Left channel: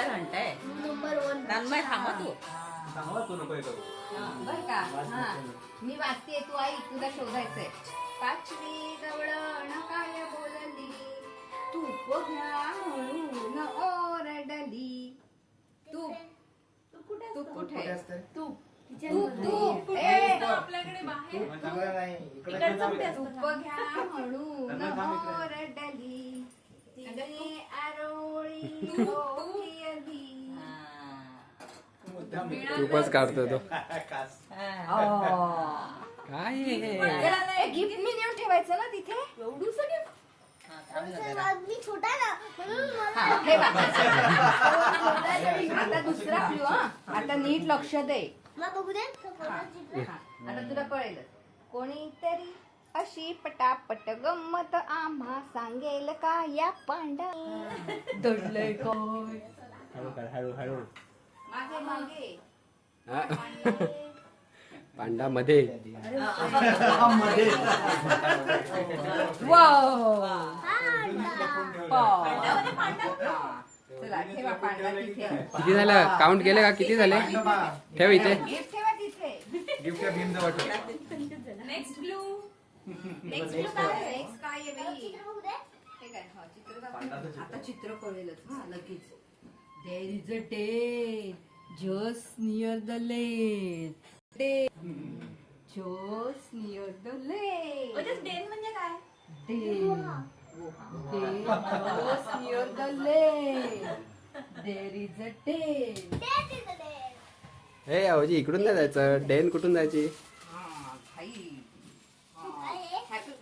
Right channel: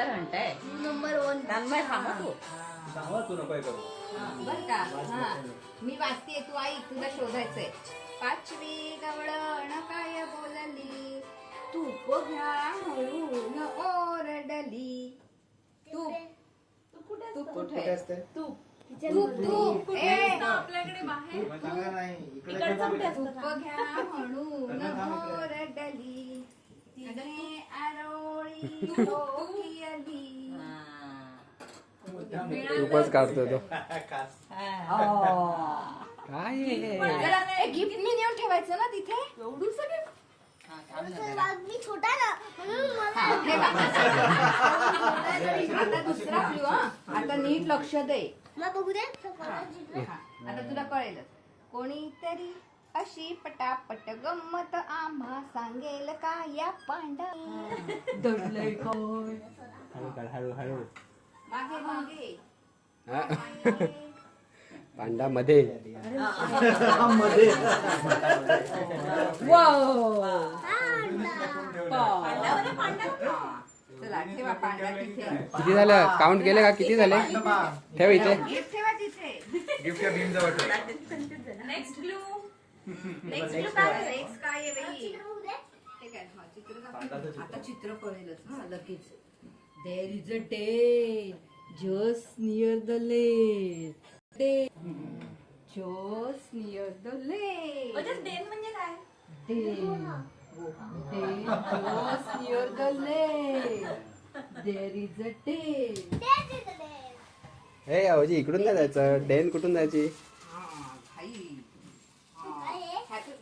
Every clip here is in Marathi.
क्लिअर म्हणताय नंबर 1 तन्मय थांब तू बर का हा मी वाचते तू आई तुला शोधायचंय. पाचवी गवळण काय बोलली तूप घ्या म्हणून ओरडली. तूप तूप कुठे तूप तूप आपल्याकडे बाहेर तूप घ्या म्हणून ओरडली तिने आरोळी ओकियली. खूपच काढतो तो काय गिफ्ट मी नेऊन ठेवायचं ना तिथे एवढूच गिफ्ट मी छोटा ना म्हणून हा, ठेवा. आता दुसरा क्लू हा आता नीट लक्ष दे. मला बघू दे हा, आता तुला कळेलच. कोणीतरी अशी पटापट गंमत आम्हा सांगेल का या पांडा दडलंय काय हळू हळू मागे मागे पांडा मध्ये चला ठेवा पांडा तिथे. किती झालं काउंट केले का किती झाले ठेव इथे गिफ्ट ठेवा तिथे. नेक्स्ट क्लू नेक्स्ट काय आहे बाई? बघू दे हे काय? हा, चित्र दाखव. आता चित्र कळेलच हा लगेच. There is a day just near the lake. Day just near the lake. Then म्हणजे काय Day just near the lake. There is a day. हे अवजी इकडून नाही जायचं डेन कुठून जायची हा भाई.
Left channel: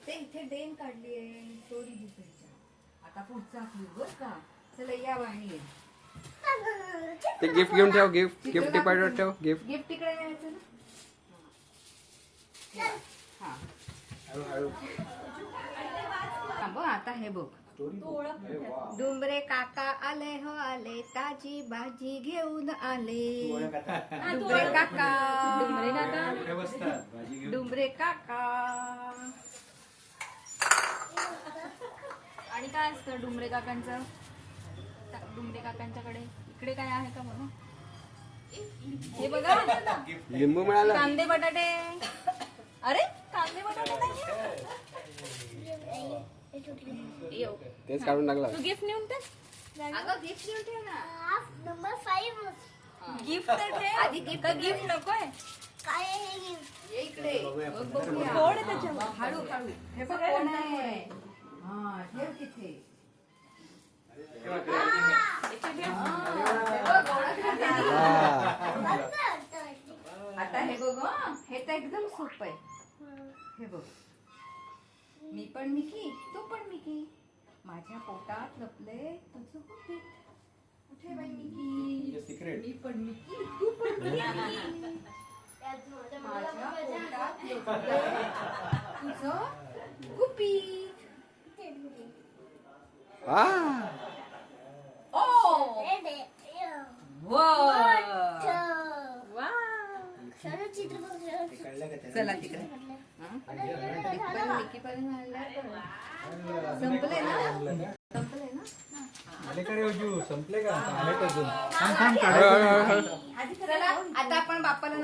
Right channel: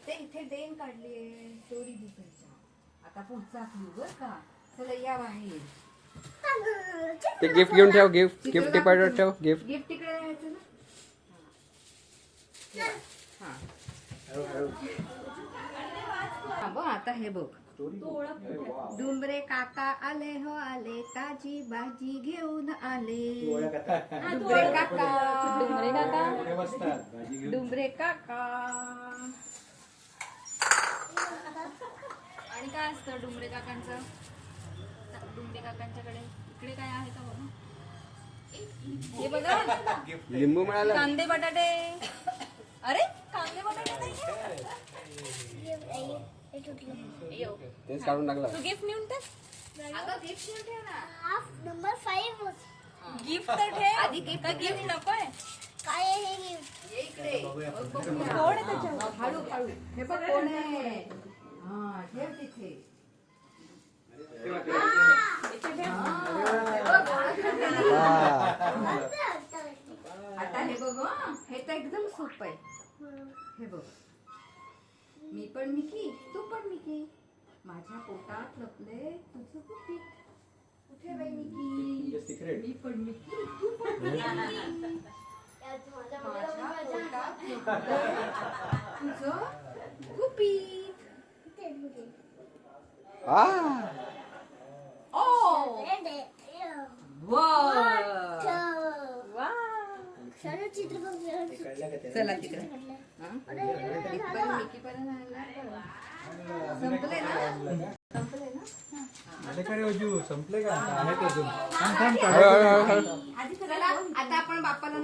ते इथे डेन काढलीये स्टोरी लिहायच्या. आता पुढचा क्लू बर का. चला या बाहेर. ते गिफ्ट घेऊन ठेव गिफ्ट गिफ्ट डिपार्टमेंट ठेव गिफ्ट गिफ्ट तिकडे न्यायचं ना. हा हा बघ आता हे बघ. डुंबरे काका आले हो आले ताजी भाजी घेऊन आले. डुंबरे काका डुंबरे काका. आणि काय असतं डुंबरे काकांचं डुंबरे काकांच्याकडे इकडे काय आहे का बघा हे बघा लिंबू मिळालं कांदे बटाटे. अरे कांदे बटाटे तेच काढून टाकलं तू गिफ्ट नेऊन टाक. अगं गिफ्ट घेऊन ठेव ना. नंबर 5 गिफ्ट तर ठेव. आधी गिफ्ट नकोय काय आहे हे गिफ्ट ये इकडे. कोण आहे त्याच्यावर हळू हळू. हे बघ कोण आहे. हा ठेव तिथे. आता हे बघ हं. हे तर एकदम सोपं आहे. हे बघ मी पण मिकी तू पण मिकी माझ्या पोटात लपले तुझं गुपित. कुठे बाई मिकी मी पण मिकी तू पण मिकी माझ्या पोटात लपले तुझं गुपित. ओ चला तिकडे. संपले ना संपले ना. संपले का चला आता आपण बाप्पाला